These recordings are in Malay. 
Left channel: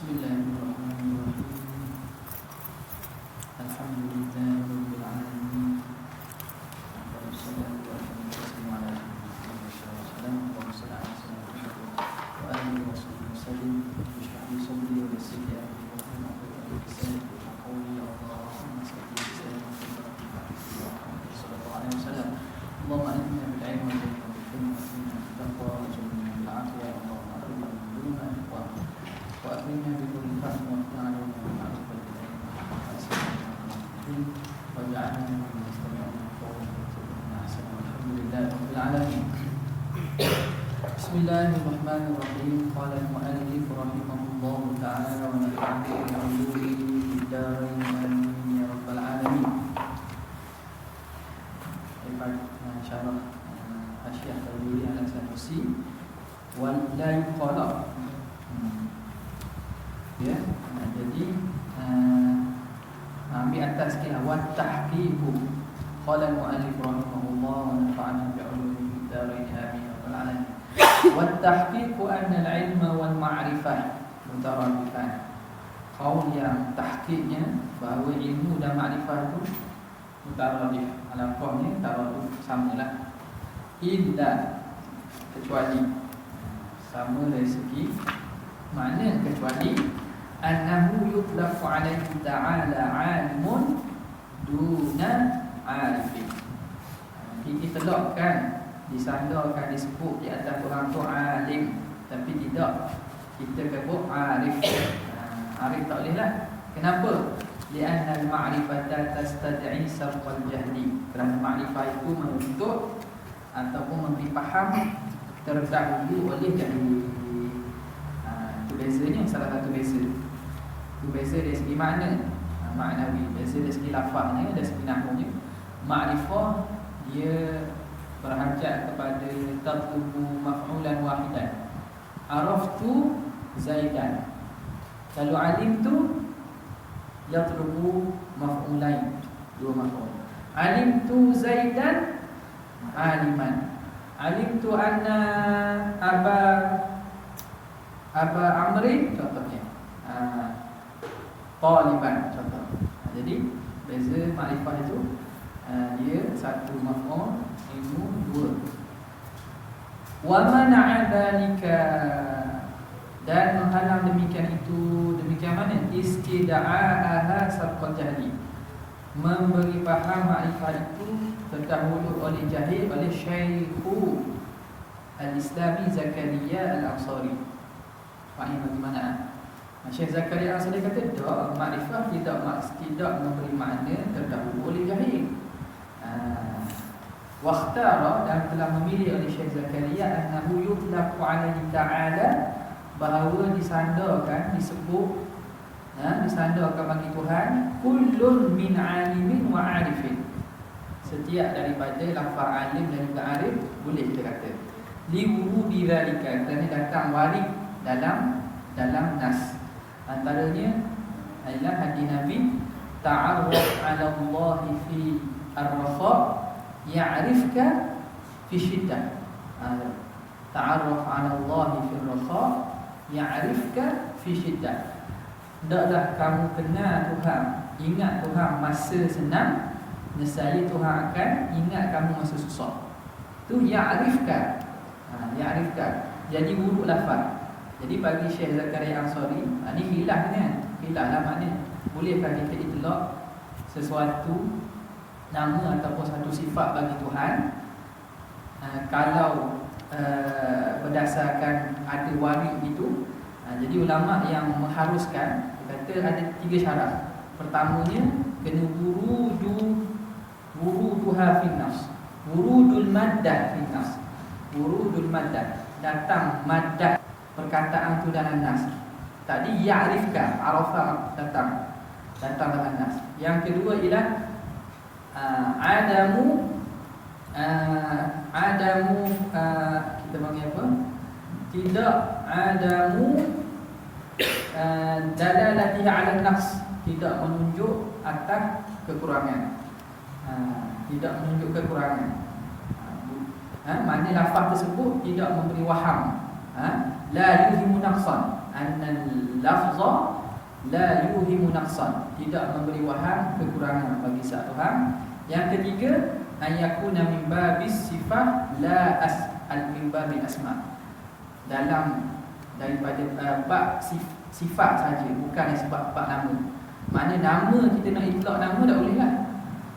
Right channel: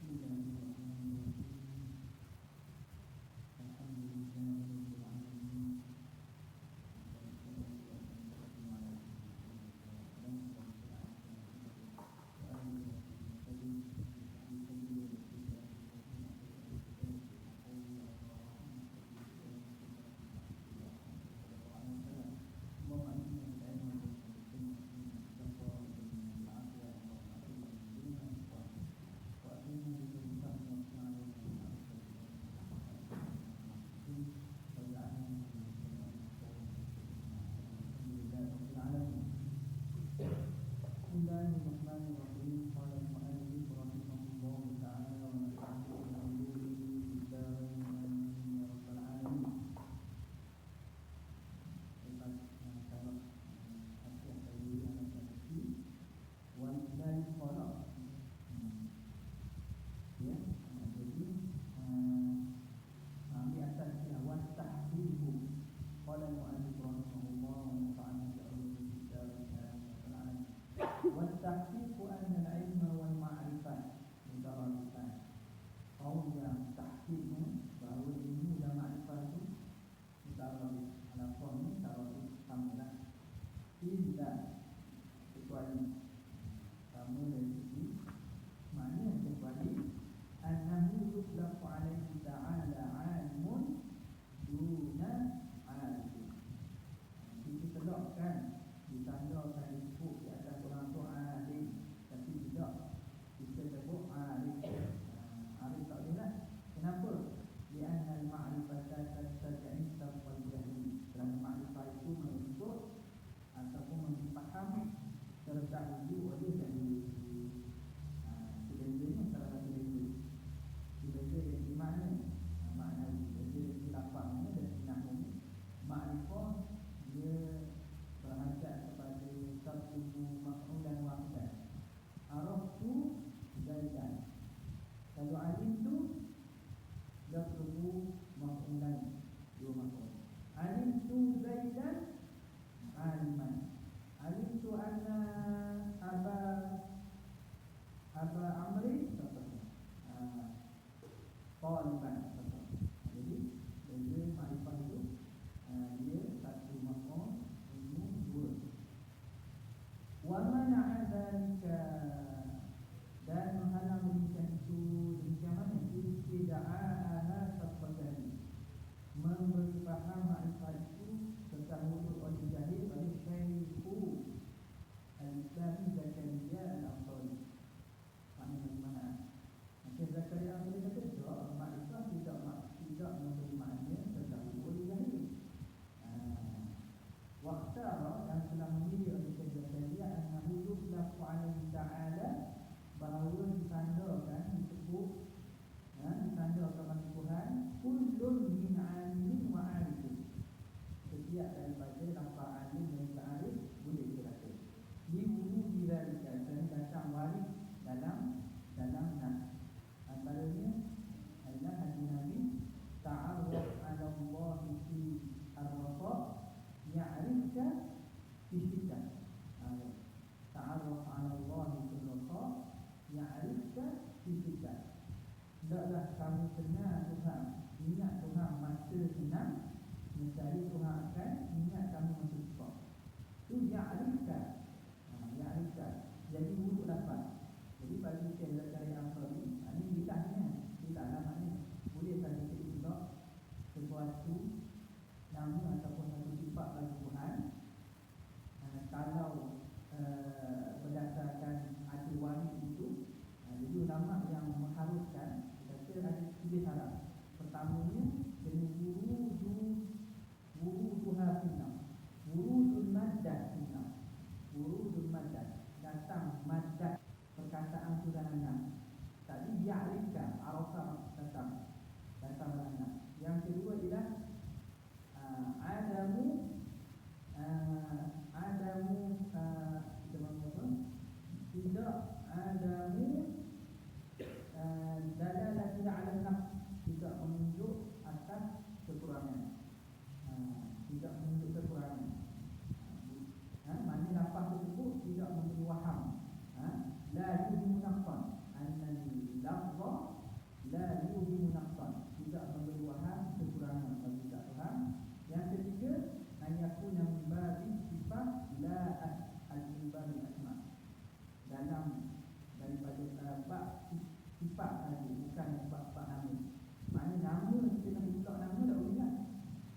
Bismillahirrahmanirrahim. Alhamdulillahirabbil alamin. Wassalatu wassalamu ala rasulillah wa alihi wasallam. Bishrah li sadri wa yassir li amri wa hlul 'uqdatam min lisani yafqahu qawli. Allahumma salli ala sayyidina Muhammad sallallahu alaihi wasallam. Allahumma inna bil 'ilmi wal hikmati wa taqwa wa jannina bil 'afiyah. Allahumma arina al-dunya wa akhirna bi kulli fahmin wa ta'ala wa ma'rifah wa ja'alna min mustami'ina qawlan ahsana. Alhamdulillah rabbil alamin. Bismillahirrahmanirrahim. Qala al-mu'allif rahimahullahu ta'ala wa nafa'ana bi 'ulumihi fid darain amin ya rabbal alamin. Insyaallah Asy-Syaikh Al-Albani Al-Sanusi wal la yuqala. Ya, jadi ambil atas sikit wa tahqiqu. Qala al-mu'allif rahimahullah wa nafa'ana bi 'ulumihi fid darain amin ya rabbal alamin. Wa tahqiqu anna al-'ilma wal ma'rifah mutaradifan. Qaul yang tahqiqnya bahawa ilmu dan makrifat itu mutaradif. Alaqahnya taraduf samalah. Illa kecuali sama dari segi makna, kecuali annahu yutlaqu alaihi ta'ala 'alimun duna 'arifin. Diitlaqkan, disandarkan, disebut di atas orang tu alim, tapi tidak kita sebut arif. Arif tak boleh lah. Kenapa? Lianna al-ma'rifata tastad'i sarfal jahli. Kerana makrifat itu menuntut ataupun memberi faham terdahulu oleh jahil. Itu bezanya, salah satu beza. Itu beza dari segi makna, maknawi. Beza dari segi lafaznya, dari segi nahwunya. Ma'rifah dia berhajat kepada tatlubu maf'ulan wahidan. Araftu Zaidan. Kalau alim tu yatlubu maf'ulain, dua maf'ul. Alim tu Zaidan aliman. Alim tu anna Aba Amri, contohnya Taliban, contoh. Jadi beza makrifah itu dia satu maf'ul, ilmu dua. Wa mana'a dzalika, dan menghalang demikian itu. Demikian mana? Istida'aha sarqal jahli, memberi faham makrifat itu terdahulu oleh jahil, oleh Syekhu Al-Islami Zakaria Al-Ansari. Faham bagaimana? Syekh Zakaria Al-Ansari kata tak, makrifat tidak memberi makna terdahulu oleh jahil. Wakhtara, dan telah memilih oleh Syekh Zakaria annahu yutlaqu alaihi ta'ala, bahawa disandarkan, disebut, disandarkan bagi Tuhan kullun min alimin wa arifin, setiap daripada lafaz alim dan juga arif, boleh kita kata liwurudi dzalika, kerana datang warid dalam nas. Antaranya adalah hadis Nabi, ta'arraf 'ala Allah fi ar-rafa ya'rifka fi syiddah. Ta'arraf 'ala Allah fi ar-rafa ya'rifka fi syiddah. Hendaklah kamu kenal Tuhan, ingat Tuhan masa senang, nescaya Tuhan akan ingat kamu masa susah. Tu ya'rifka. Ya'rifka jadi huruf lafaz. Jadi bagi Syekh Zakaria Ansari, ni khilaf kan? Khilaflah makna. Bolehkah kita itlaq sesuatu nama ataupun satu sifat bagi Tuhan kalau berdasarkan ada warid itu. Jadi ulama yang mengharuskan kata ada 3 syarat. Pertamanya kena wuruduha fin nas, wurudul maddah fin nas. Wurudul maddah, datang maddah perkataan tu dalam nas. Tadi ya'rifka, arafa, datang dalam nas. Yang kedua ialah adamu kita panggil apa? Tidak adamu dalalati 'ala nafs, tidak menunjuk atas kekurangan. Tidak menunjuk kekurangan. Makna lafaz tersebut tidak memberi waham. la yuhimu naqsan, anna lafza la yuhimu naqsan, tidak memberi waham kekurangan bagi satu Tuhan. Yang ketiga, ayakuna min babis sifat la min babil asma, dalam daripada bab sifat saja, bukan sebab bab nama. Mana nama kita nak itlaq nama tak boleh lah.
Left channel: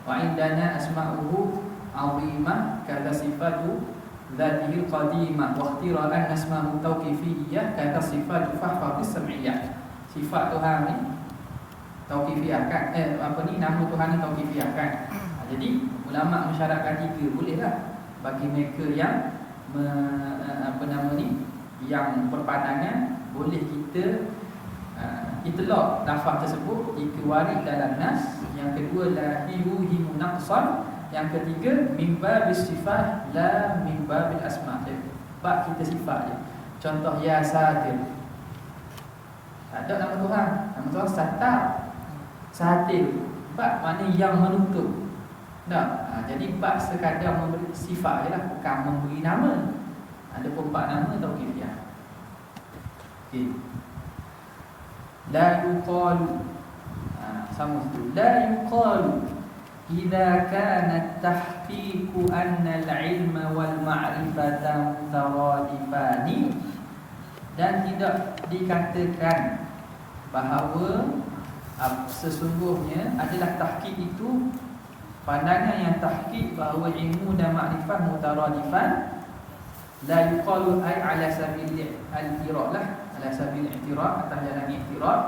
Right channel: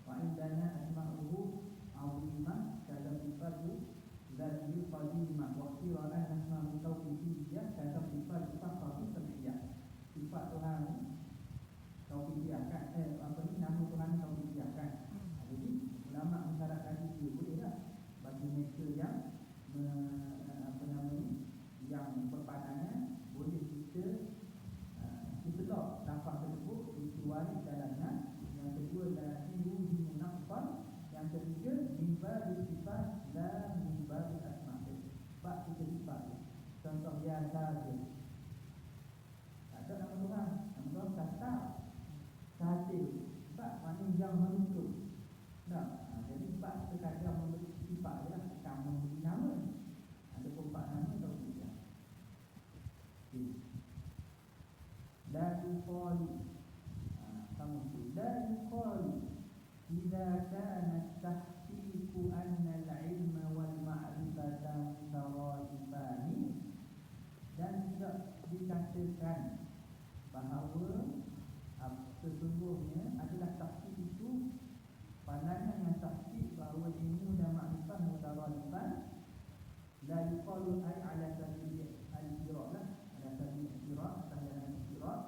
Wa indana asma'uhu 'azimah kata sifatu dzatihi qadimah wa ikhtira'an asma'u tauqifiyyah kata sifatu fahfadhis sam'iyyah. Sifat Tuhan ni tauqifiyah kan, nama Tuhan ni tauqifiyah kan. Jadi ulama mensyaratkan tiga, boleh lah bagi mereka yang yang berpandangan boleh kita itlaq lafaz tersebut jika warid dalam nas. Yang kedua, la yuhimu naqsan. Yang ketiga, min babis sifat la min babil asma', bab kita sifat je. Contoh, ya satir, tak ada nama Tuhan. Nama Tuhan Sattar, Satir, bab mana yang menutup. Tak, jadi bab sekadar memberi sifat je lah, bukan memberi nama. Ada pun bab nama atau kifiyah. Okay. La yuqalu, sama tu. La yuqalu idza kana tahqiqu anna al-ilma wal ma'rifata mutaradifani, dan tidak dikatakan bahawa sesungguhnya adalah tahqiq itu pandangan yang tahqiq bahawa ilmu dan makrifat mutaradifan. La yuqalu ay ala sabil al-i'tirad lah, ala sabil i'tirad, atas jalan i'tirad.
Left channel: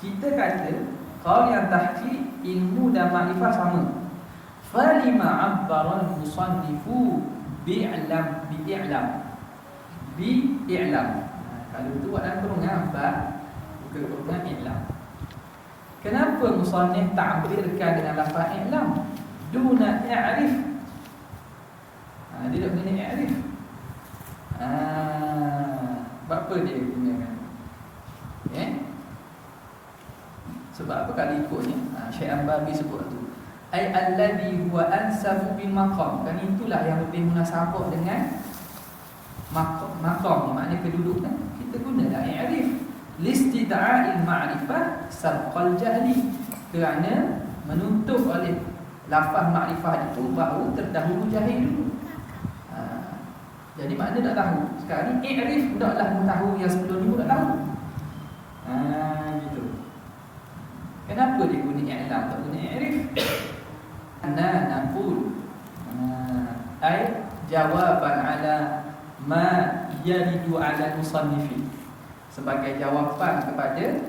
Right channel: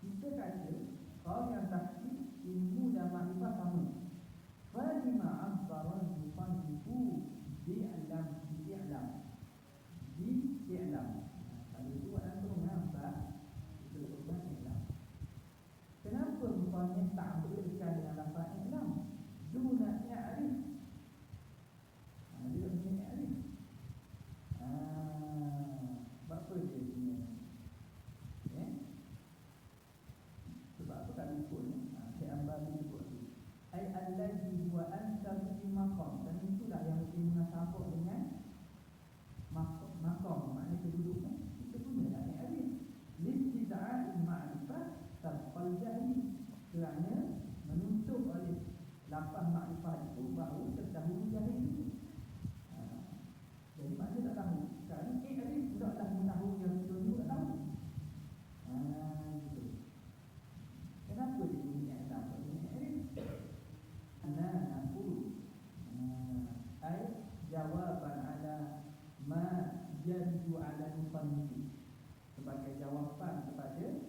Kita kata kalau yang tahqiq ilmu dan makrifat sama, falima 'abbara al-musannifu bi'lam. Kalau tu buat dalam kurungan apa? Bukan kurungan i'lam. Kenapa musannif ta'birkan dengan lafaz i'lam duna i'rif? Dia tak guna i'rif. Sebab apa dia gunakan? Sebab apa kali ikutnya? Syekh Ambabi sebut tu, ai alladhi huwa ansabu bil maqam, kan itulah yang lebih munasabah dengan maqam, makna kedudukan. Kita gunalah i'rif listida'il ma'rifah sabqal jahli, kerana menuntut oleh lafaz makrifah itu bahawa terdahulu jahil dulu. Jadi makna tak tahu. Sekarang ni i'rif hendaklah mengetahui yang sebelum ni tak tahu. Gitu. Kenapa dia guna i'lam tak guna i'rif? Ana naqul ay jawaban ala ma yaridu ala musannifi, sebagai jawapan kepada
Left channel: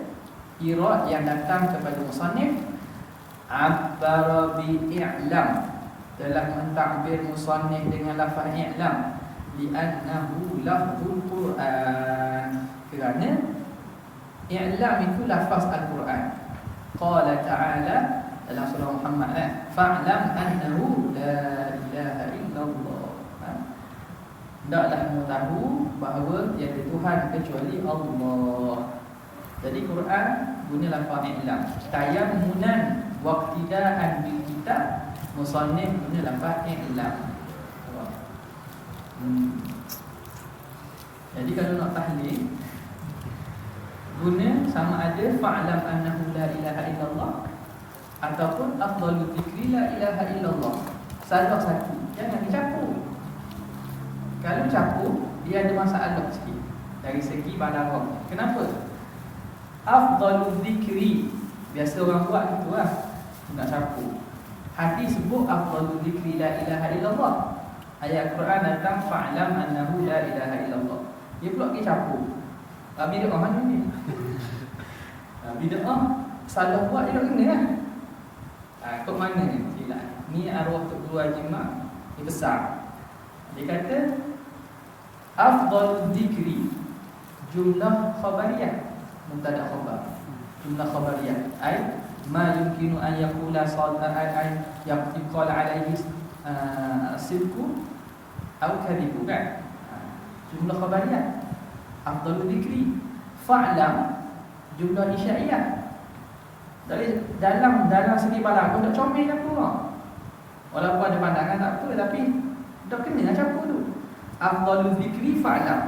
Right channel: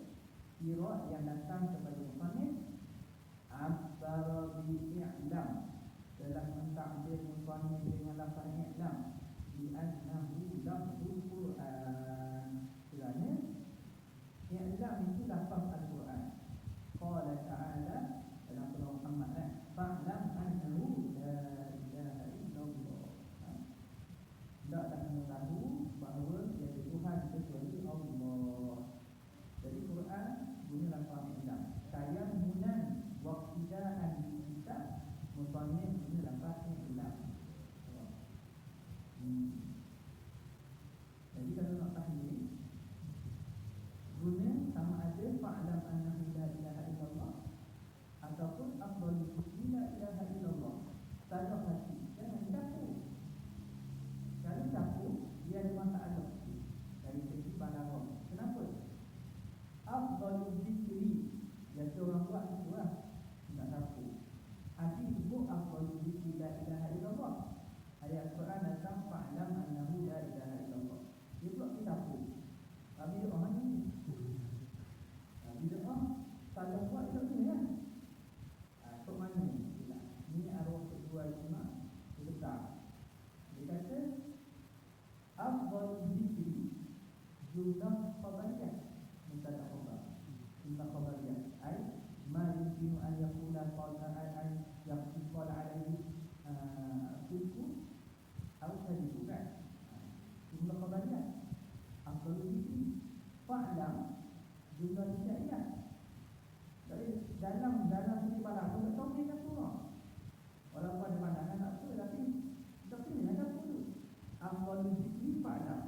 irad yang datang kepada musannif. Abbara bi i'lam, telah mentakbir musannif dengan lafaz i'lam, li'annahu lafzul Quran, kerana i'lam itu lafaz Al-Quran. Qala ta'ala dalam surah Muhammad, fa'lam annahu la ilaha illallah, hendaklah mengetahui bahawa tiada Tuhan kecuali Allah. Jadi Quran guna lafaz i'lam. Tayammunan waqtidaan bil kitab, musannif guna lafaz i'lam. Jadi kalau nak tahlil, guna sama ada fa'lam annahu la ilaha illallah ataupun afdalu dzikri la ilaha illallah. Salah satu, jangan dicampur. Kalau campur, dia ada masalah sikit dari segi balaghah. Kenapa? Afdalu dzikri, biasa orang buat gitu lah, nak campur. Hadis sebut afdalu dzikri la ilaha illallah, ayat Quran datang fa'lam annahu la ilaha illallah. Dia pula pergi campur. Bid'ah mana ni? Bid'ah salah buat dia tak kena lah. Kok mana ni? Silap. Ni arwah Tok Guru Haji Mak, dia besar. Dia kata afdal dzikri jumlah khabariyah, mubtada khabar. Jumlah khabariyah ai ma yumkinu an yaqula ay yaqala alaihi sidqu atau kadhibu, kan? Jumlah khabariyah afdalul dzikri. Fa'lam jumlah isyaiyah. Dari dalam segi balaghah tak comel apa. Walaupun ada pandangan tak apa, tapi tak kena campur tu. afdalu dzikri fa'lam.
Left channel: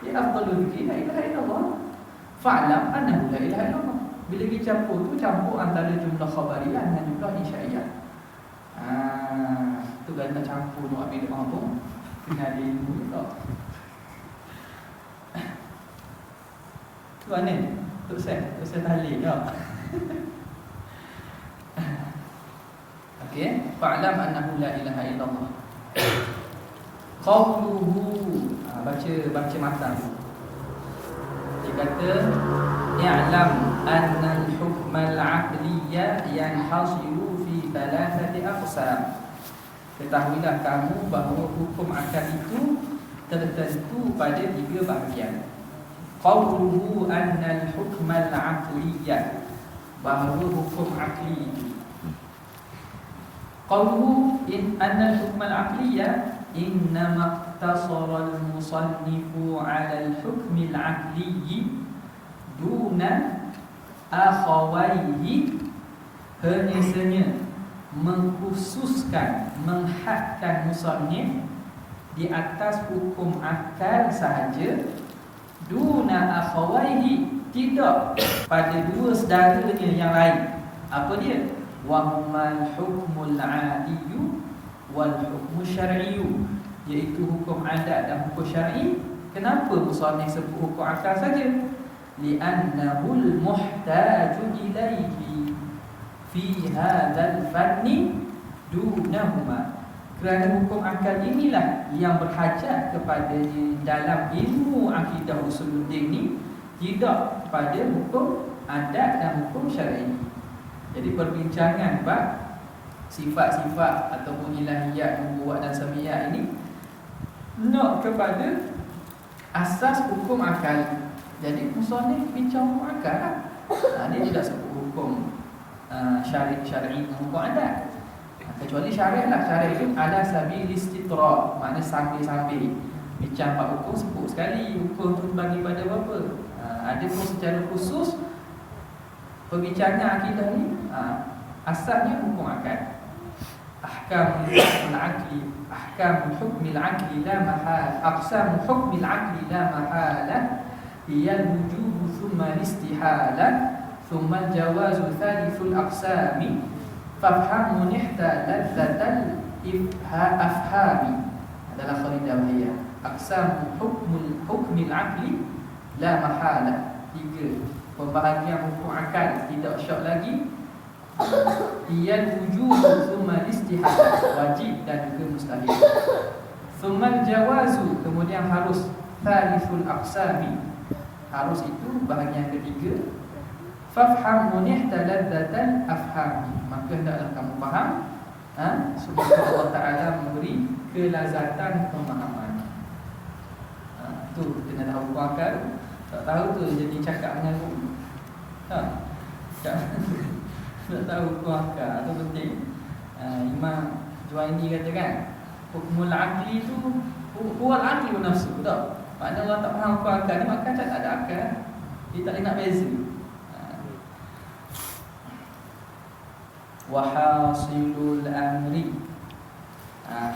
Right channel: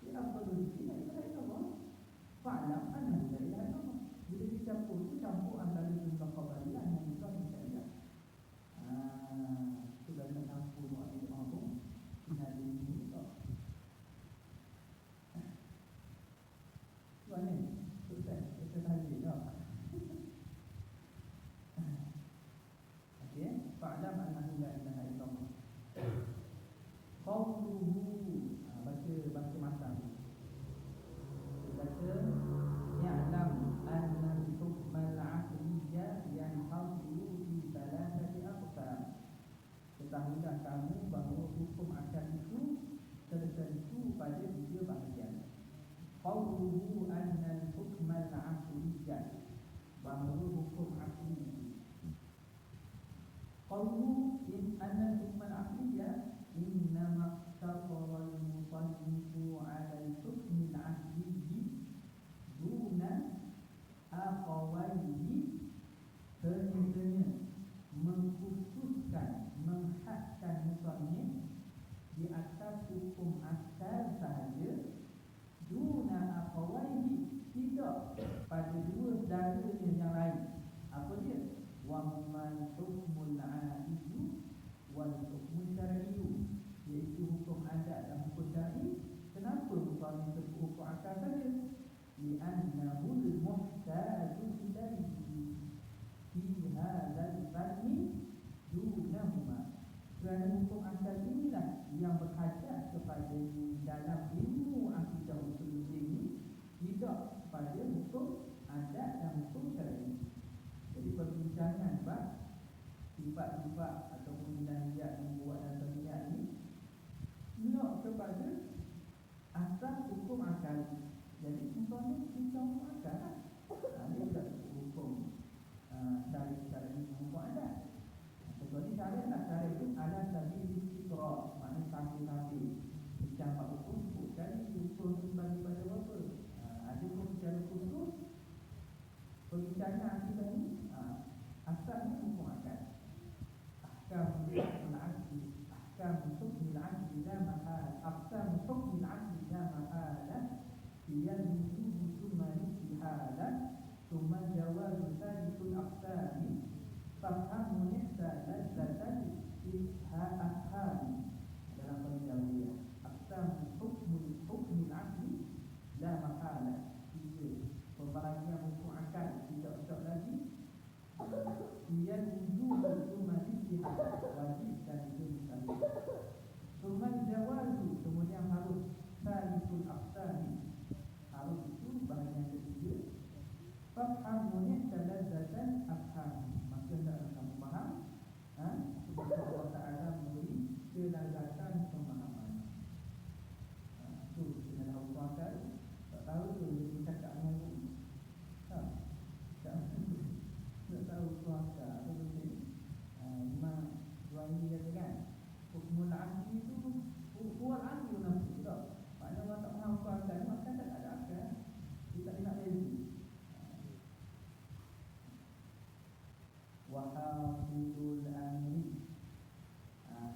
Ya afdalu dzikri la ilaha illallah. Fa'lam annahu la ilaha illallah. Bila dicampur tu campur antara jumlah khabariyah dengan jumlah insyaiyah. Tu kan tak campur nak ambil apa pun kena ada ilmu tak. Tu mana? Tok saya tahlil ya. Okey, fa'lam annahu la ilaha illallah. Qawluhu, baca matan. Dia kata i'lam anna al-hukm al-'aqliyya yanhasiru fi thalathati aqsam. Ketahuilah kamu bahawa hukum akal itu tertentu pada 3 bahagian. Qawluhu anna al-hukm al-'aqliyya, bahawa hukum akli itu. Qawluhu anna al-hukm al-'aqliyya innama iqtasara al-musannifu 'ala al-hukm al-'aqliyyi duna akhawaihi, hanya mengkhususkan, menghadkan musannif di atas hukum akal sahaja, duna akhawaihi, tidak pada 2 saudaranya yang lain. Apa dia? Wa humal hukmul 'adiyyu wal hukmu syar'iyyu, iaitu hukum adat dan hukum syar'i. Kenapa musannif sebut hukum akal saja? Li'annahul muhtaju ilaihi fi hadzal fanni dunahuma, kerana hukum akal inilah yang berhajat kepadanya dalam ilmu akidah usuluddin ni, tidak pada hukum adat dan hukum syar'i. Jadi perbincangan bab sifat-sifat ataupun ilahiyat, nubuwat dan samiyat ini nak kepada asas hukum akal. Jadi musannif bincang hukum akal lah. Dia tidak sebut hukum syar'i dan hukum adat. Kecuali syariah lah. Syariah itu ala sabil istitra, makna sambil-sambil bincang bab hukum sebut sekali hukum tu bagi pada apa. Ada pun secara khusus perbincangan akidah ni asalnya hukum akal. Ahkam al-aqli, ahkam hukm al-aqli la mahal, aqsam hukm al-aqli la mahala, hiya al-wujub thumma al-istihala thumma al-jawaz thalithul aqsami, fafham munihta ladzatal afhami. Adalah kharidah wahiyah. Aqsam hukm al-aqli la mahala, 3 pembahagian hukum akal, tidak syak lagi. Iyal wujud thumma istihad, wajib dan juga mustahil. Thumma jawazu, kemudian harus. Thalithul aqsami, harus itu bahagian ketiga. Fafham munihta ladzatan afhami, maka hendaklah kamu faham supaya Allah Ta'ala memberi kelazatan pemahaman. Tu kena tahu hukum akal. Tak tahu tu jadi cakap dengan guru. Tak tahu hukum akal tu penting. Imam Juwaini kata kan, hukmul aqli tu huwal aqli wa nafsu. Tak? Maknanya orang tak faham hukum akal ni, maka tak ada akal. Dia tak boleh nak beza. Wa hasilul amri,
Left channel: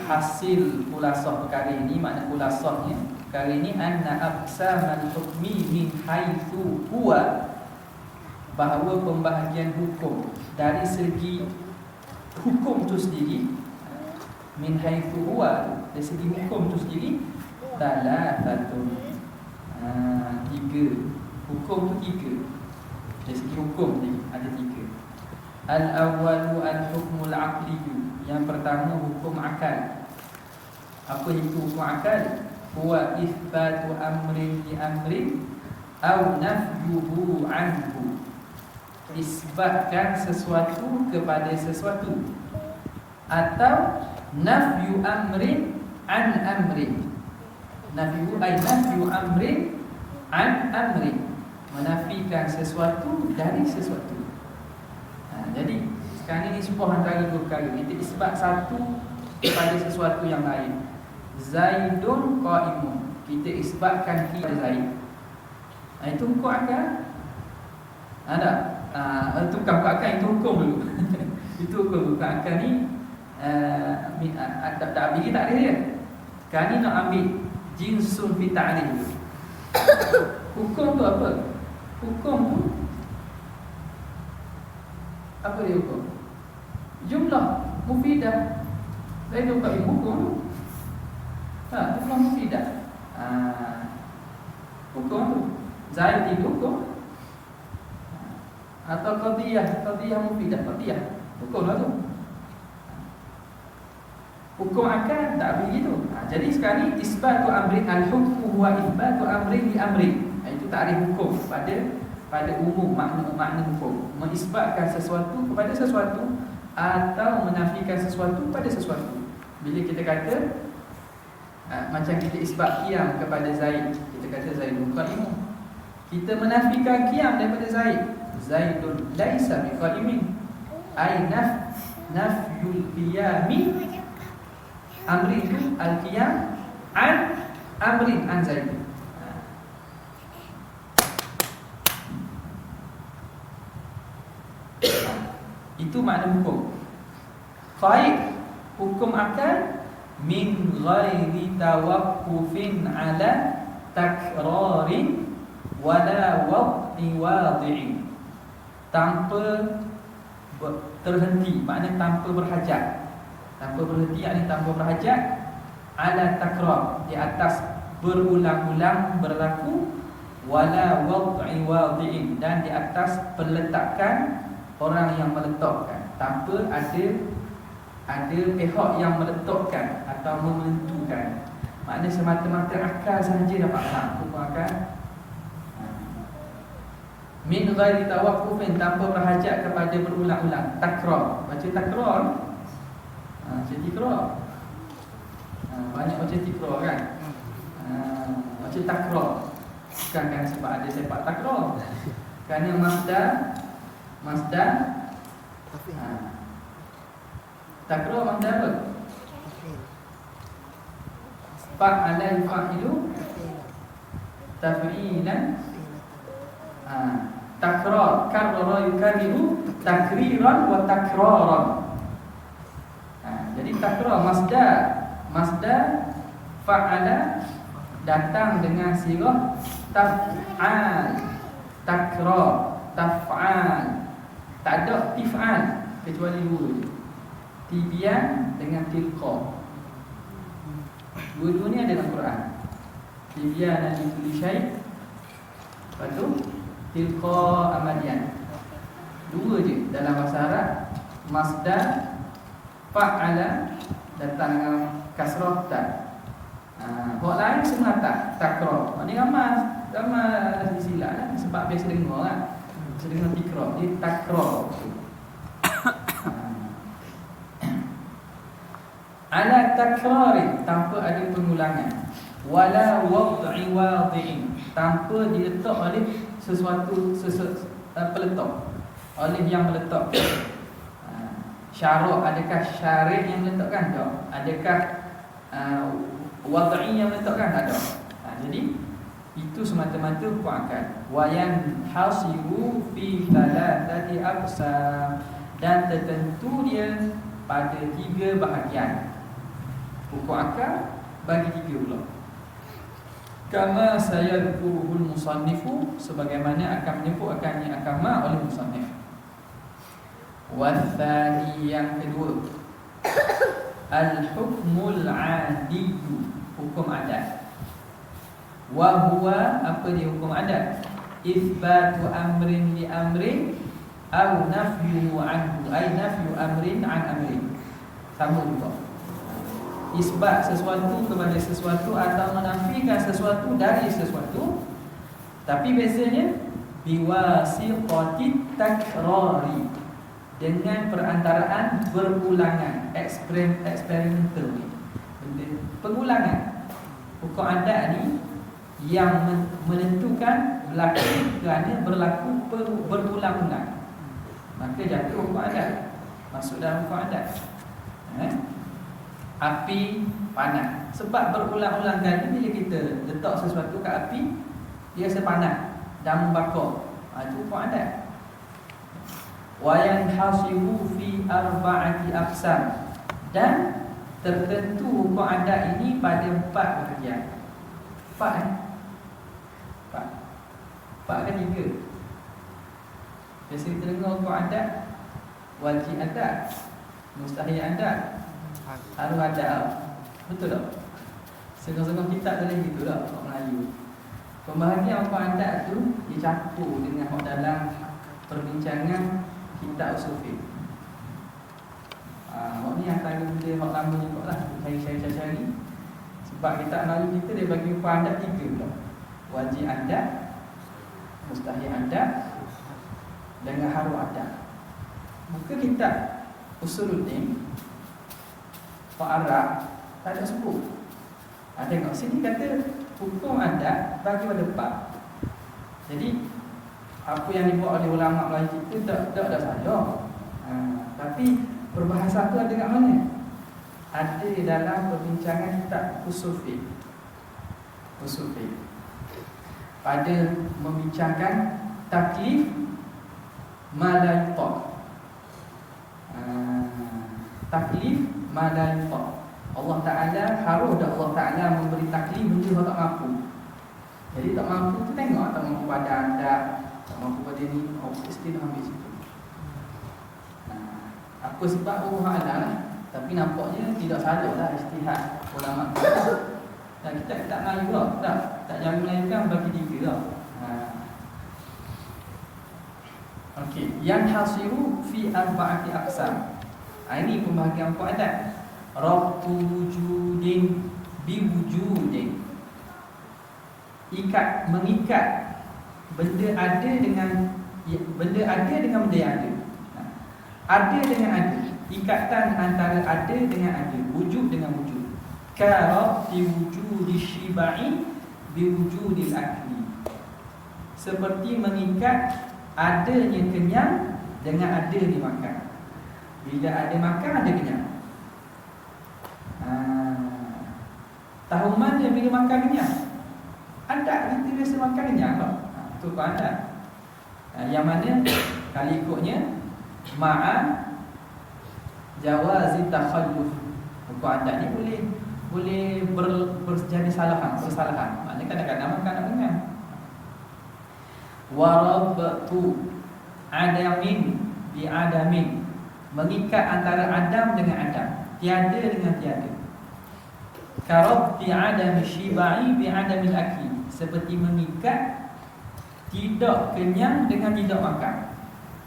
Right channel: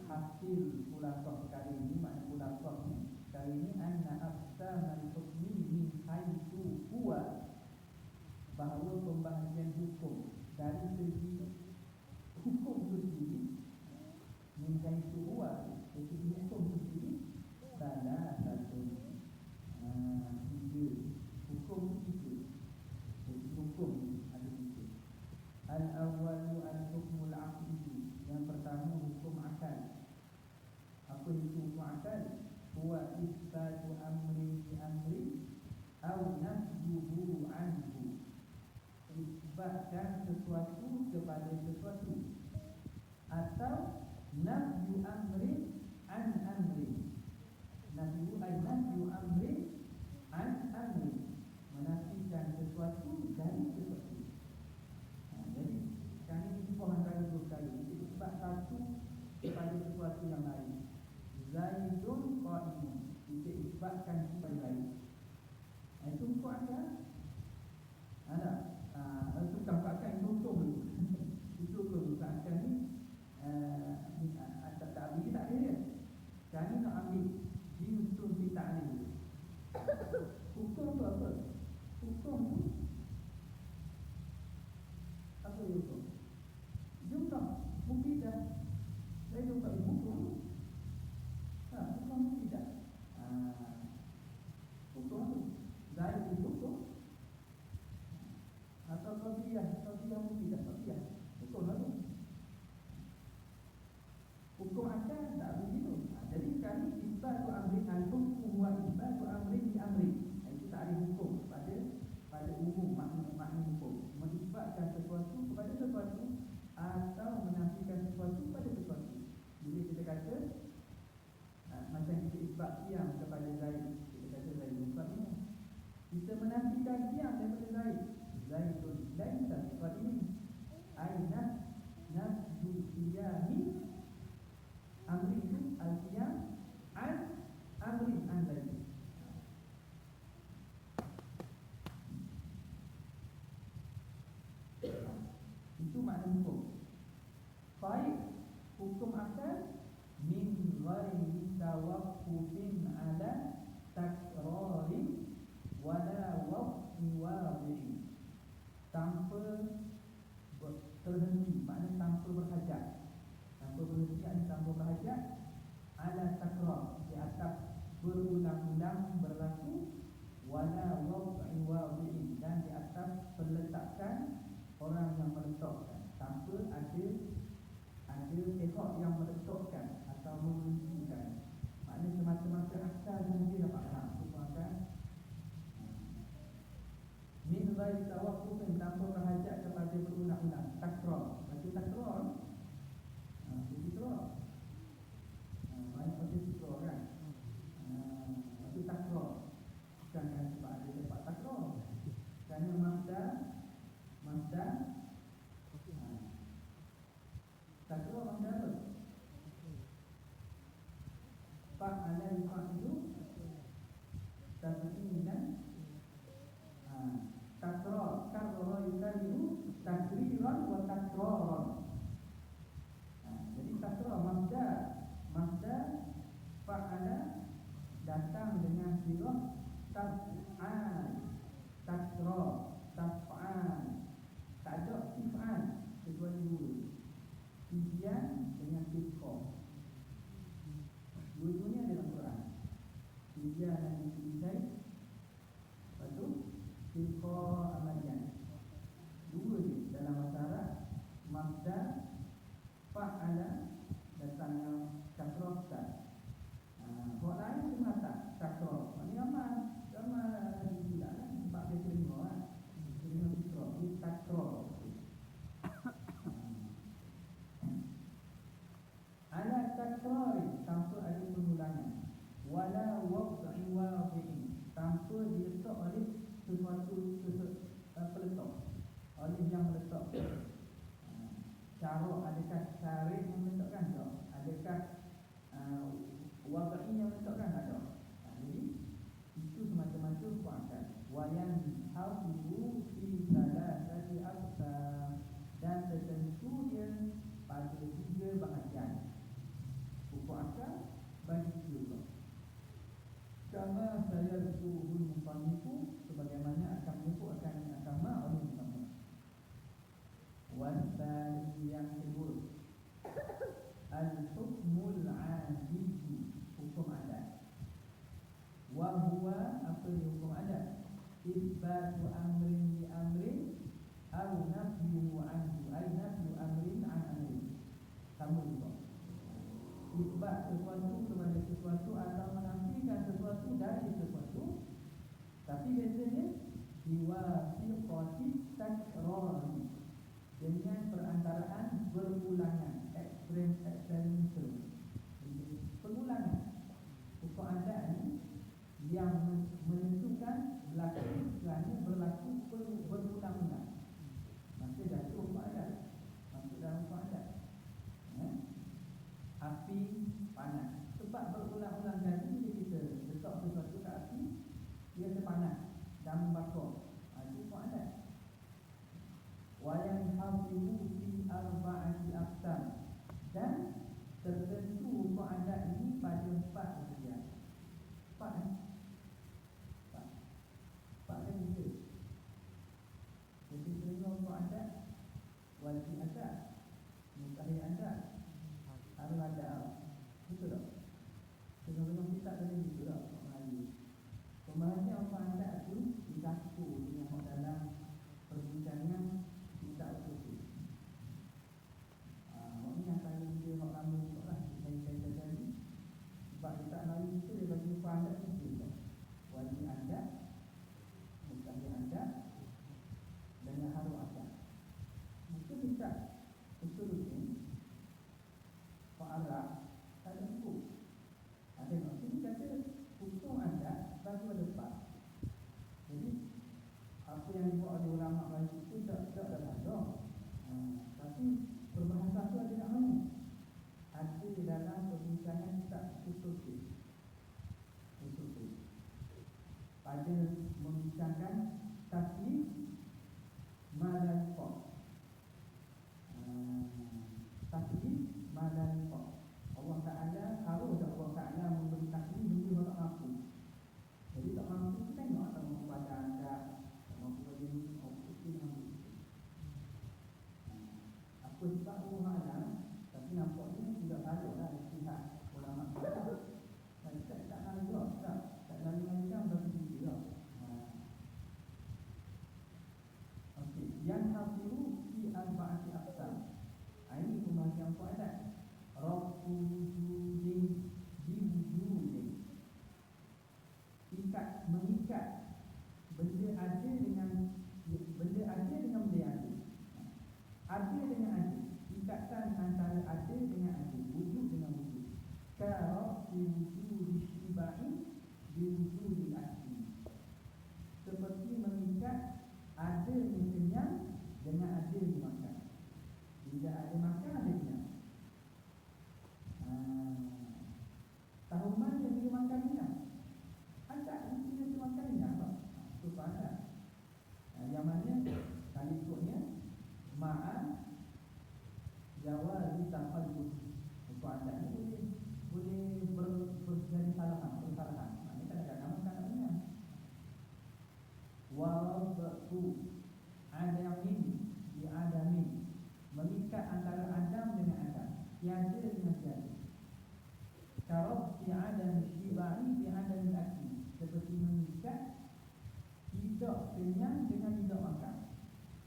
hasil kulasah perkara ini, makna kulasahnya perkara ini, anna aqsamal hukmi min haitsu huwa, bahawa pembahagian hukum dari segi hukum itu sendiri, min haitsu huwa, dari segi hukum itu sendiri, thalathatun, 3 hukum itu 3, dari segi hukum ni ada 3. Al-awwalu al-hukmul aqliyyu, yang pertama hukum akal. Apa itu hukum akal? Huwa itsbatu amrin li amrin aw nafyuhu anhu, isbatkan sesuatu kepada sesuatu, atau nafyu amrin an amrin. Nafyu ay nafyu amrin an amrin, menafikan sesuatu dari sesuatu. Jadi sekarang ini sebuah antara 2 perkara. Kita isbat satu kepada sesuatu yang lain. Zaidun qaimun, kita isbatkan kepada Zaid. Itu hukum akal. Ada. Itu bukan hukum akal, itu hukum dulu. Itu hukum akal ni tak ada dia. Sekarang ni nak ambil jinsun fi ta'rif. Hukum tu apa? Hukum tu apa dia hukum? Jumlah mufidah. Saya tu bagi hukum tu. Jumlah mufidah. Hukum tu Zaid itu hukum. Atau qadiyah mufidah, qadiyah. Hukum lah tu. Hukum akal tak begitu. Jadi sekarang ni isbatu amrin, al-hukmu huwa isbatu amrin li amrin. Itu takrif hukum pada umum makna hukum. Mengisbatkan sesuatu kepada sesuatu atau menafikan sesuatu pada sesuatu. Bila kita kata macam kita isbat qiyam kepada Zaid, kita kata Zaidun qa'imun. Kita menafikan qiyam daripada Zaid. Zaidun laisa biqa'imin. Ai nafyul qiyami amri itu al-qiyam an amrin an Zaid. Itu makna hukum. Qaid, hukum akal, min ghairi tawaqqufin ala takrarin wala wad'i wadi'in. Tanpa terhenti, maknanya tanpa berhajat. Tanpa berhenti, yakni tanpa berhajat, ala takrar, di atas berulang-ulang berlaku, wala wad'i wadi'in, dan di atas peletakan orang yang meletakkan, tanpa ada pihak yang meletakkan atau menentukan. Maknanya semata-mata akal sahaja dapat faham hukum akal. Min ghairi tawaqqufin, tanpa berhajat kepada berulang-ulang. Takrar, baca takrar. Macam tikrar. Banyak macam tikrar kan. Macam takrar. Bukan kan sebab ada sepak takrar. Kerana Masdar takrar masdar apa? Fa'ala yufa'ilu taf'ilan. Takrar, karrara yukarriru takriran wa takraran. Jadi takrar masdar fa'ala datang dengan sirah taf'al, takrar, taf'al. Tak ada tif'al kecuali dua je. Tibyan dengan tilqa. Dua-dua ni ada dalam Quran. Tibyan dan kulli syai'. Lepas tu tilqa amalian. Dua je dalam bahasa Arab. Masdar fa'ala datang dengan kasrah ta. Buat lain semua takrar. Maknanya ramai silap lah. Sebab biasa dengar kan. Biasa dengar tikrar. Dia takrar. Ala takrari, tanpa ada pengulangan. Wala wad'i wadi'in, tanpa diletak oleh sesuatu peletak, oleh yang meletak. Syarak, adakah syarih yang meletakkan? Tak. Adakah wad'i yang meletakkan? Tak ada. Jadi itu semata-mata hukum akal. Wa yanhasiru fi thalathati aqsam, dan tertentu dia pada 3 bahagian. Hukum akal bagi 3 pula. Kama sayadkuruhul musannifu, sebagaimana akan menyebutkannya akama oleh musannif. Wathani, yang kedua, al-hukmul adiyyu, hukum adat. Wa huwa, apa dia hukum adat? Itsbatu amrin li amrin aw nafyuhu anhu, ay nafyu amrin an amrin. Sama juga. Isbat sesuatu kepada sesuatu atau menafikan sesuatu dari sesuatu. Tapi bezanya biwasiqatit takrari, dengan perantaraan berulangan, eksperimental, pengulangan. Hukum adat ni yang menentukan berlaku kerana berlaku berulang-ulang, maka jatuh hukum adat, masuk dalam hukum adat. Api panas, sebab berulang-ulang kali bila kita letak sesuatu kat api, dia rasa panas dan membakar. Itu hukum adat. Wa yanhasibu fi arba'ati aqsam, dan tertentu hukum adat ini pada 4 bahagian. 4 4 kan 3. Biasa kita dengar hukum adat, wajib adat, mustahil adat, harus adat. Betul tak? Setengah-setengah kitab tulis gitu tak orang Melayu. Pembahagian hukum adat tu dicampur dengan dalam perbincangan kitab usul fiqh. Hak ni antara benda hak lama juga lah, cari-cari. Sebab kitab Melayu kita dia bagi hukum adat 3 pula. Wajib adat, mustahil adat, dengan harus adat. Muka kitab Usuluddin Pak Arab tak ada sebut. Tengok sini kata hukum adat bagi pada 4. Jadi apa yang dibuat oleh ulama Melayu kita tak ada salah. Tapi perbahasan tu ada kat mana? Ada dalam perbincangan kitab usul fiqh. Usul fiqh pada membincangkan taklif ma la yutaq. Taklif ma la yutaq. Allah Ta'ala harus dah Allah Ta'ala memberi taklif benda yang tak mampu. Jadi tak mampu tu tengok, tak mampu pada anda, tak mampu pada ni, istilah ambil situ. Apa sebab Allah Ta'ala lah. Tapi nampaknya tidak salah lah istihad ulama kita. Dan kita tak Melayu lah, tak jangan Melayu kan bagi 3 lah. Okey, yang hasiru fi arba'ati aqsam. Ini pembahagian hukum adat. Rabtu wujudin bi wujudin. Mengikat benda ada dengan benda yang ada. Ada dengan ada. Ikatan antara ada dengan ada, wujud dengan wujud. Karabti wujudi syibai bi wujudil akli. Seperti mengikat adanya kenyang dengan ada dimakan. Bila ada makan, ada kenyang. Tahu mana bila makan kenyang? Adat kita biasa makan kenyang tak? Itu pun adat. Yang mana kalau ikutnya ma'a jawazi takhalluf. Hukum adat ni boleh berjadi persalahan. Maknanya kadang-kadang makan nak kenyang. Warabtu adamin bi adamin. Mengikat antara Adam dengan Adam, tiada dengan tiada. Karabti adami syibai bi adamil akli. Seperti mengikat tidak kenyang dengan tidak makan.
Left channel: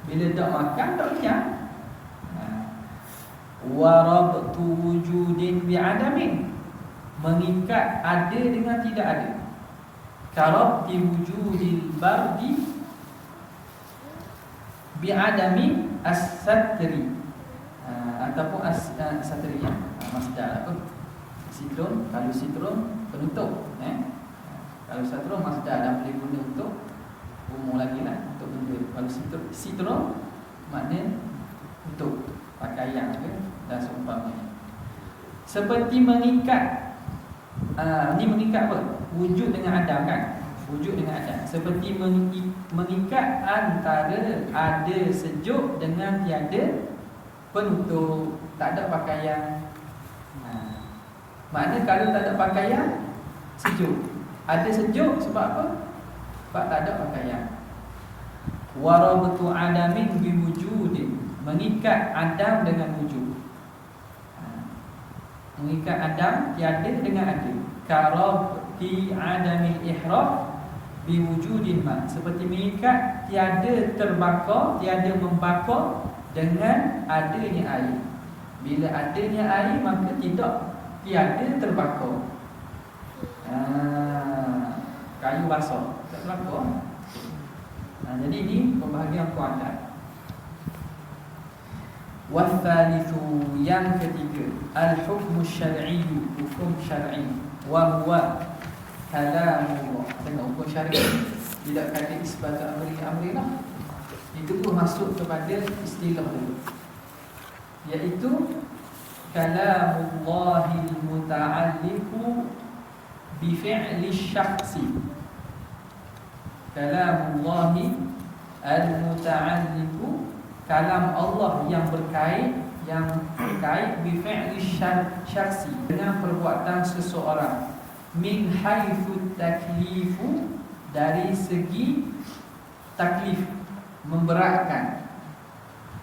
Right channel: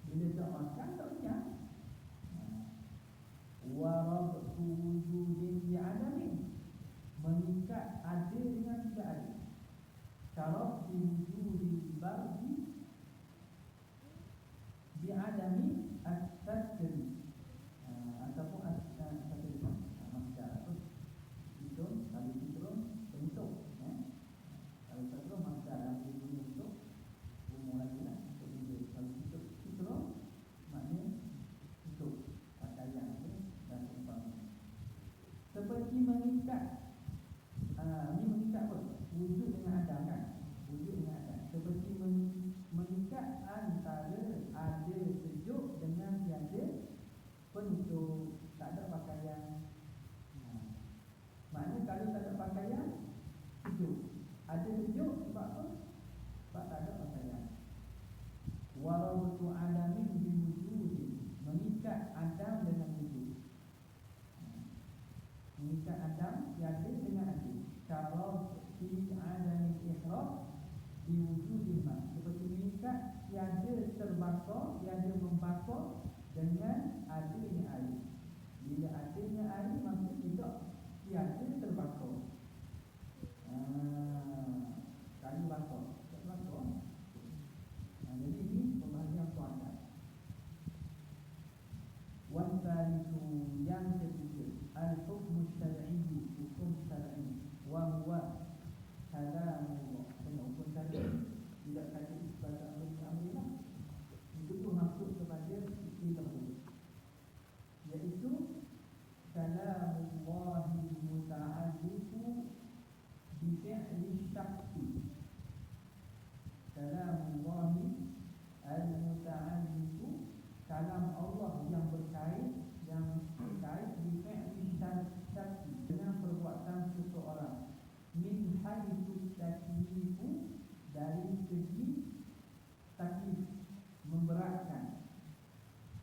Bila tak makan, tak kenyang. Warabtu wujudin bi adamin. Mengikat ada dengan tidak ada. Karabti wujudil bardi bi adami as-satri. Ataupun as-satriyah. Masdar apa? Sitron, kalau sitron penutup, kalau sitron masdar dan boleh guna untuk umum lagi lah, untuk benda. Kalau sitron makna untuk pakaian ke dan seumpamanya. Seperti mengikat, ni mengikat apa? Wujud dengan Adam kan? Wujud dengan Adam. Seperti mengikat antara ada sejuk dengan tiada penutup. Tak ada pakaian. Maknanya kalau tak ada pakaian, sejuk. Ada sejuk sebab apa? Sebab tak ada pakaian. Warabtu adamin biwujudin. Mengikat Adam dengan wujud. Mengikat Adam tiada dengan ada. Karabti adamil ihraq biwujudin ma. Seperti mengikat tiada terbakar, tiada membakar dengan adanya air. Bila adanya air, maka tiada terbakar. Kayu basah tak terbakar. Jadi ini pembahagian hukum adat. Wathalithu, yang ketiga, al-hukmu syar'i, hukum syar'i. Wa huwa kalamullah. Tengok hukum syar'i tidak kata isbat amri lah. Itu pun masuk kepada istilah dulu, iaitu kalamullahil muta'alliqu bi fi'li syakhsi. Kalamullahi al-muta'alliqu, kalam Allah yang berkait, yang terkait bi fi'li syakhsi, dengan perbuatan seseorang, min haitsu taklifu, dari segi taklif, memberatkan,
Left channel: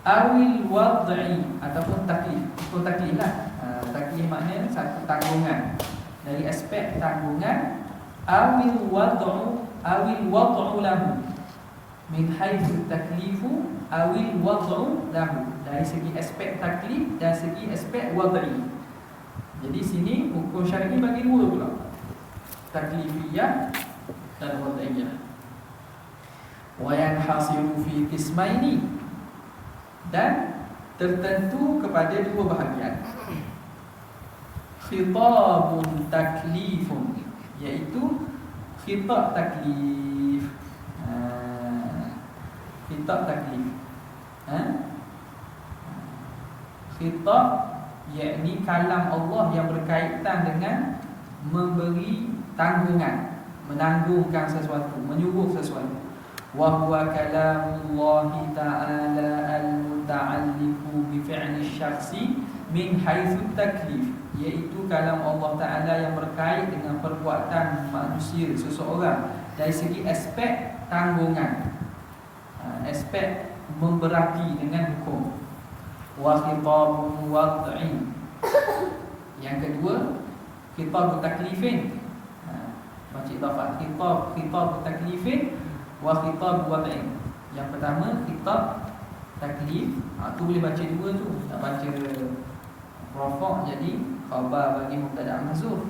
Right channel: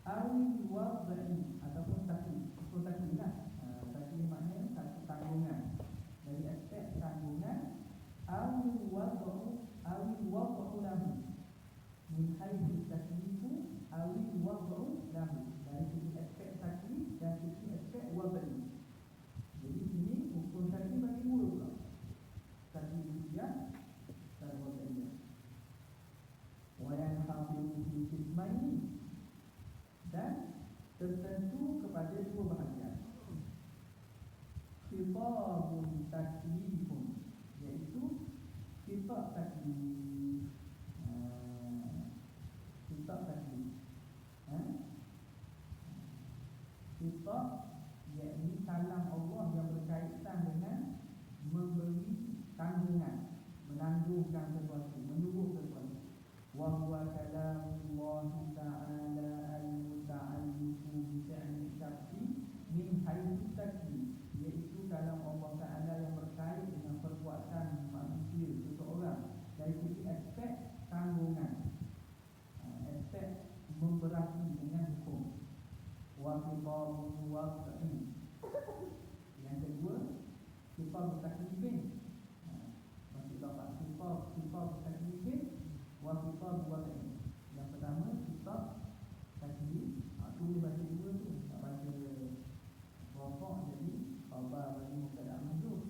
awil wad'i, ataupun taklif. Itu taklif lah. Taklif maknanya satu tanggungan, dari aspek tanggungan, awil wad'u lahu, min haitsu taklifu awil wad'u lahu, dari segi aspek taklif dan segi aspek wad'i. Jadi sini hukum syar'i bagi dua pula, taklifiyah dan wad'iyah. Wa yanhasiru fi qismaini, dan tertentu kepada dua bahagian. Khitabun taklifun, iaitu khitab taklif. Khitab taklif. Khitab yakni kalam Allah yang berkaitan dengan memberi tanggungan, menanggungkan sesuatu, menyuruh sesuatu. Wa huwa kalamullahi ta'ala al-muta'alliqu bi fi'li syakhsi min haitsu taklif, iaitu kalam Allah Ta'ala yang berkait dengan perbuatan manusia, seseorang, dari segi aspek tanggungan, aspek memberati dengan hukum. Wa khitabun wad'i, yang kedua khitab taklifin. Baca idafah, khitab taklifin wa khitab wad'i. Yang pertama khitab taklif, tu boleh baca dua tu, tak baca rafa' jadi khabar bagi mubtada' mahzuf,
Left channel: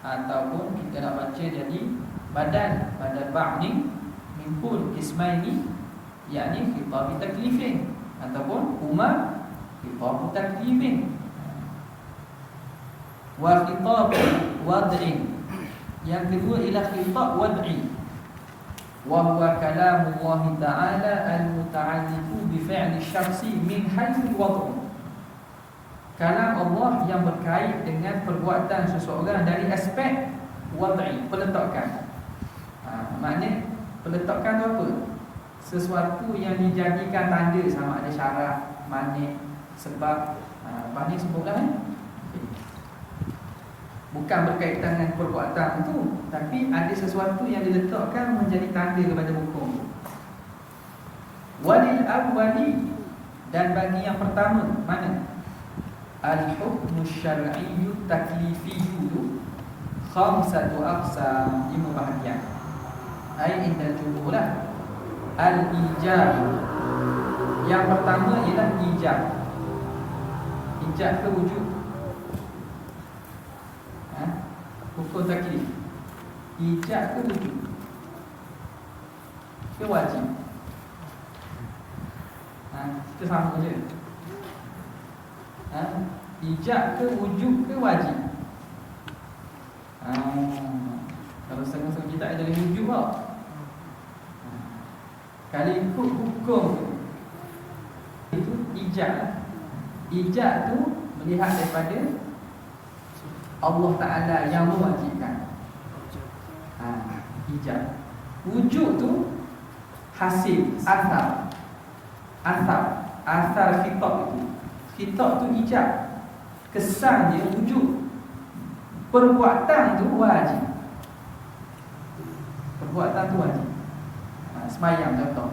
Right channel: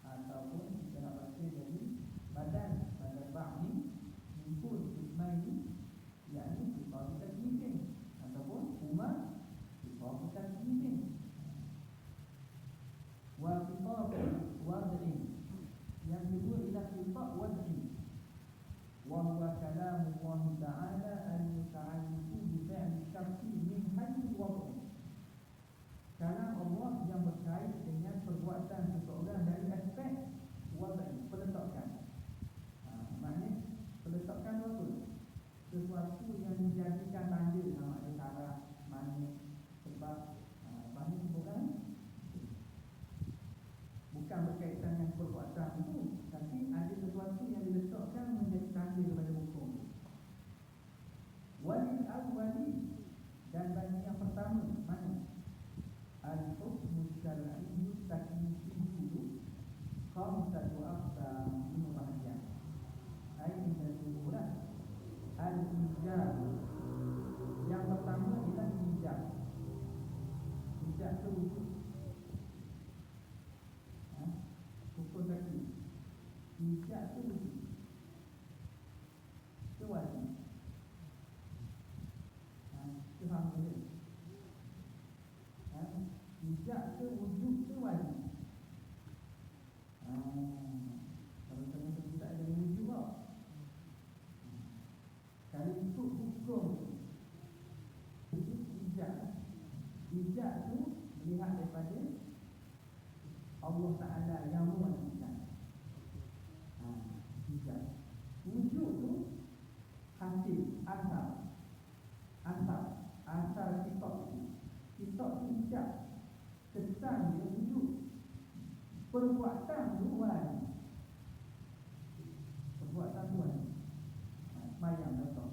ataupun kita nak baca jadi badal ba'ni min kul ismaini, yakni khitab taklifin, ataupun huma khitab taklifin. Wa khitab wad'in, yang kedua ialah khitab wad'i, wa huwa kalamullah ta'ala al-muta'alliqu bi fi'li syakhsi min haitsu wad'u, kalam Allah yang berkait dengan perbuatan seseorang dari aspek wad'i, peletakan. Maknanya peletakan tu apa? Sesuatu yang dijadikan tanda, sama ada syarat, manik, sebab. Lepas ni sebutlah bukan berkaitan dengan perbuatan itu, tapi ada sesuatu yang diletakkan menjadi tanda kepada hukum. Walil awwali, dan bagi yang pertama, mana? Al-hukmu syar'iyyu taklifiyyu khamsatu aqsam, 5 bahagian. Ai inda jumhurlah. Al-ijab, yang pertama ialah ijab. Ijab ke wujud? Hukum taklif, ijab ke wujud ke wajib? Kita sama je. Ijab ke wujud ke wajib? Kalau setengah-setengah kita ada dari wujud tau. Kalau ikut hukum itu ijab. Ijab tu melihat daripada Allah Ta'ala yang mewajibkan. Ijab. Wujud tu hasil, asar khitab itu. Khitab tu ijab, kesan dia wujud. Perbuatan tu wajib. Perbuatan tu wajib. Semayang contoh.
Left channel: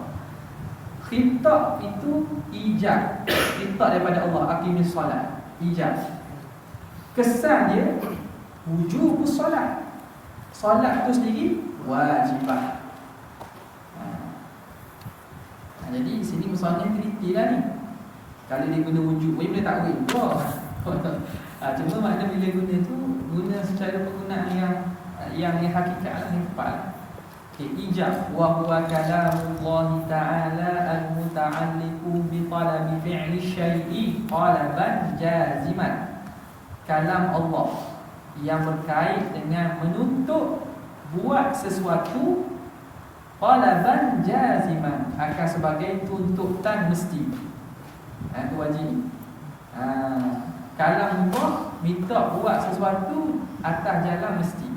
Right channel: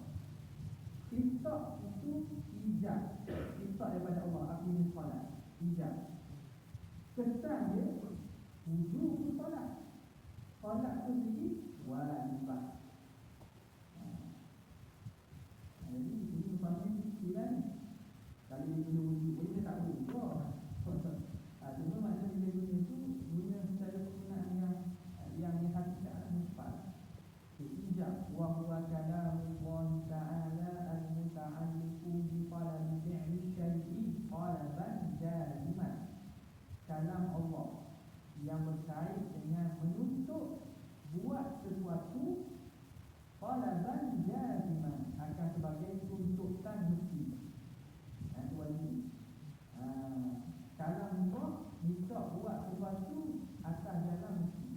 Khitab itu ijab. Khitab daripada Allah, aqimis solat, ijab. Kesan dia wujubus solat. Solat tu sendiri wajibah. Jadi sini misalnya teliti lah ni. Kalau dia guna wujud, boleh takwil. Cuma makna bila guna tu, guna secara penggunaan yang hakikat lah, yang tepat. Ijab wa huwa kalamullah ta'ala al-muta'alliqu bi talabi fi'li syai'i talaban jaziman. Kalam Allah yang berkait dengan menuntut buat sesuatu talaban jaziman, akan sebagai tuntutan mesti. Itu wajib. Kalam Allah minta buat sesuatu atas jalan mesti.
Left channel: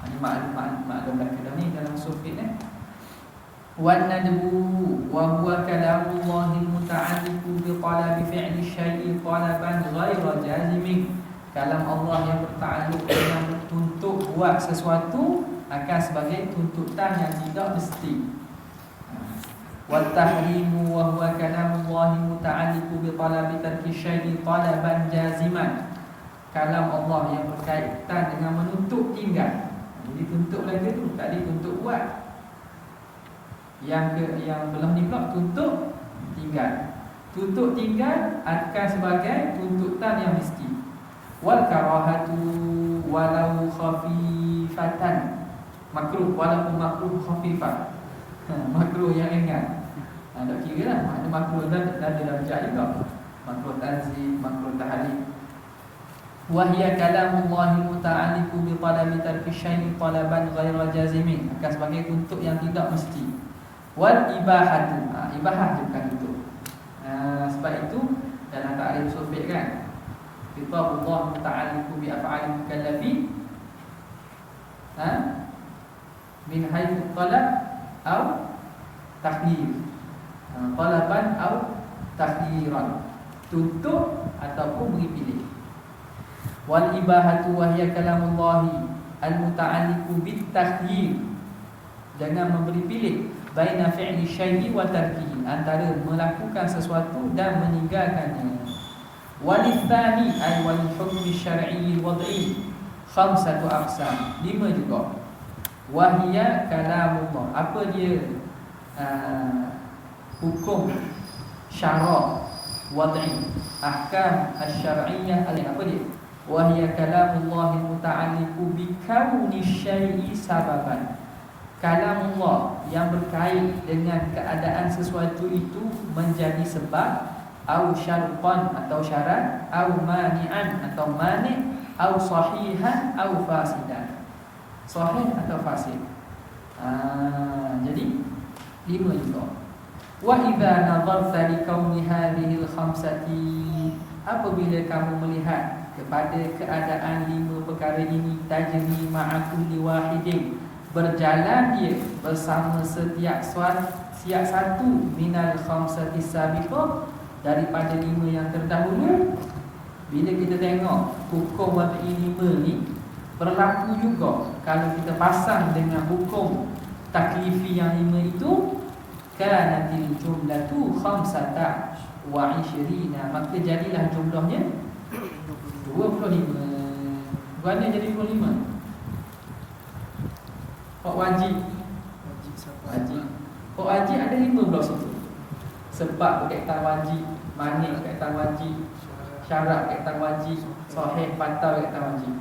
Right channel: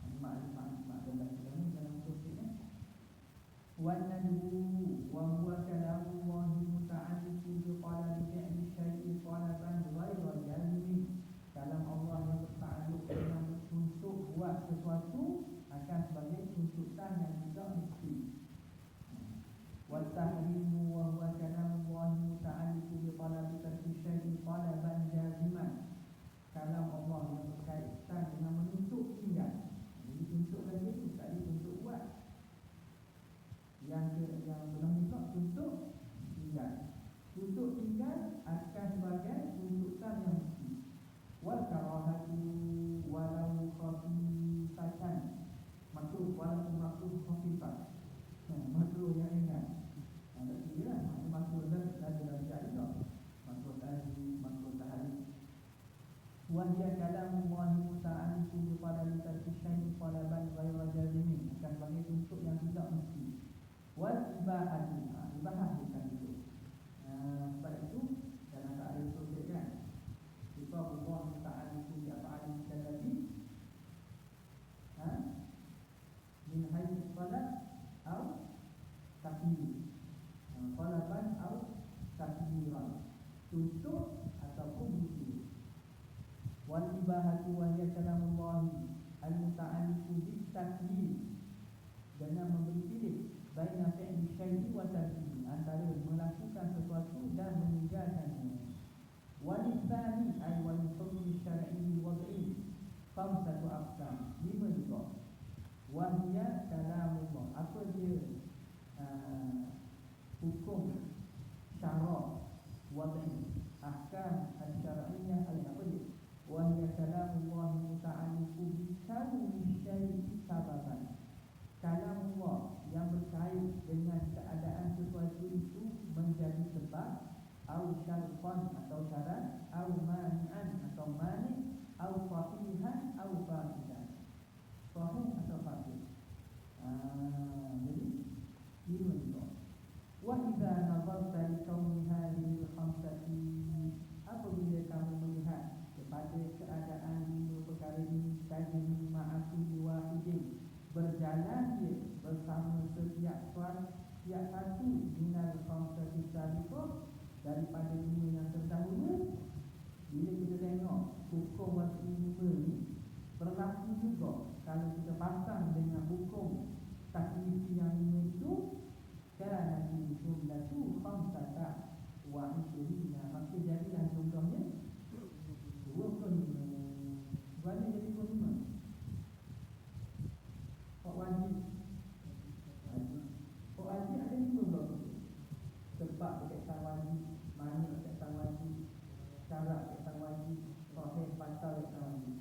Ini maklum belakang ni dalam sufit Wan nadbu, wa huwa kalamullahi muta'alliqu bi talabi fi'li syai'i talaban ghaira jazimin. Kalam Allah yang bertakluk dengan untuk buat sesuatu akan sebagai tuntutan yang tidak mesti. Wa tahrimu wa huwa kalamullahi muta'alliqu bi talabi tarki syai'i talaban jaziman. Kalam Allah yang berkaitan dengan menuntut tinggal. Jadi tuntut lagi tu, tak dituntut buat. Yang belah ni pula tuntut tinggal. Tuntut tinggal akan sebagai tuntutan yang mesti. Wal karahatu walau khafifatan, makruh walaupun makruh khafifah. Makruh yang ringan. Tak kira lah, makna makruh dan ada darjah juga. Makruh tanzih, makruh tahlil. Wahia kalamullahi muta'alliqu bi talabi tarki syai'i talaban ghaira jazimin, akan sebagai untuk yang tidak mesti. Wal ibahatu, ibahah bukan itu. Sebab itu dalam ta'rif sufi kan, kitabullah muta'alliqu bi af'alil mukallafi min haythu talab atau takdir, talaban atau takdiran, tuntut ataupun beri pilih. Wal ibahatu wahya kalamullahi al-muta'alliqu bit-takhyir, jangan memberi pilih baina fi'li syai'i wa tarkihi, antara melakukan sesuatu dan meninggalkannya. Walithani ay wal hukmi syar'i wad'i khamsatu aqsam, 5 juga. Wahya kalamullah, apa dia hukum syara' wad'i, ahkam asy-syar'iyyah, apa dia? Wahya kalamullahi muta'alliqu bi kauni syai'i sababan, kalamullah yang berkait dengan keadaan sesuatu itu menjadi sebab, au syartan atau syarat, au mani'an atau mani', au sahihan au fasidan, sahih atau fasid. Jadi 5 juga. Wa idza nadharta li kauni hadhihi al-khamsati, apabila kamu melihat kepada keadaan 5 perkara ini, tajri ma'a kulli wahidin, berjalan dia bersama setiap satu minal khamsati sabiqah, daripada 5 yang terdahulu. Bila kita tengok hukum wad'i 5 ni berlaku juga kalau kita pasang dengan hukum taklifi yang 5 itu, kanatil jumlatu khamsata wa 20, maka jadilah jumlahnya 25. Bukannya jadi 25. Hak wajib. Hak wajib ada 15 situ. Sebab berkaitan wajib, mani berkaitan wajib, syarat berkaitan wajib, sahih batal berkaitan wajib.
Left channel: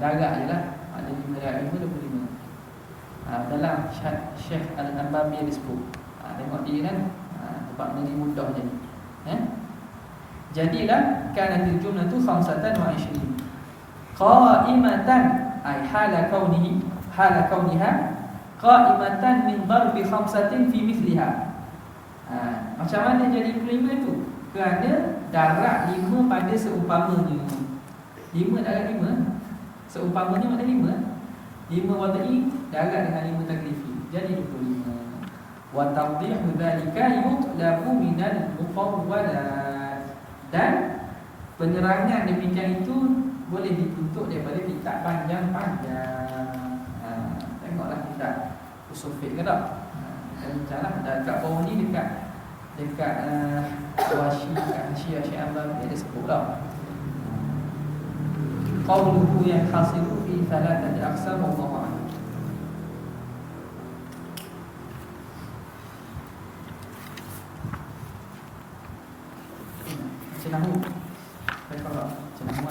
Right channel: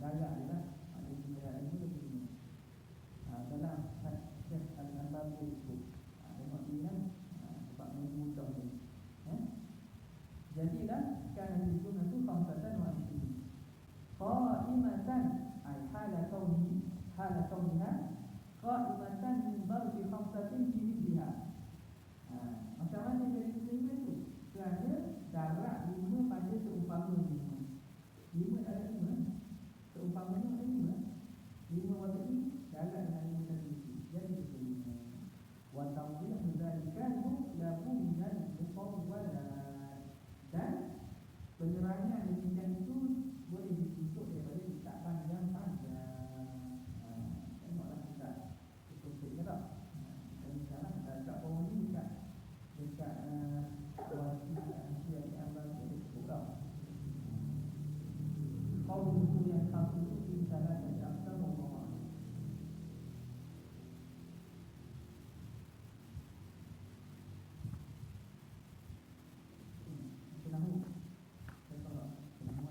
Darab je lah. Ada 5 darab, 25. Dalam Syekh Al-Anbabi disebut. Tengok dia kan, tempat ni mudah jadi. Jadilah kanatil jumlatu khamsatan wa 20 qa'imatan, ay hala kauniha qa'imatan min darbi khamsatin fi mithliha. Macam mana jadi 25 tu? Kerana darab 5 pada seumpamanya. 5 darab 5 seumpamanya makna 5 wad'i darab dengan 5 taklifi, jadi 25. Wa tawdihu dhalika yutlabu minal mufawwalat, dan penerangan demikian itu boleh dituntut daripada kitab panjang-panjang. Tengoklah kitab usul fiqh ke tak? Bincanglah dekat bawah ni, dekat Washi, dekat Syiah Syekh ada sebut dah. Qauluhu yang hasilu fi thalathati aqsam, wallahu a'lam. Cenahu. Baiklah, cenahu.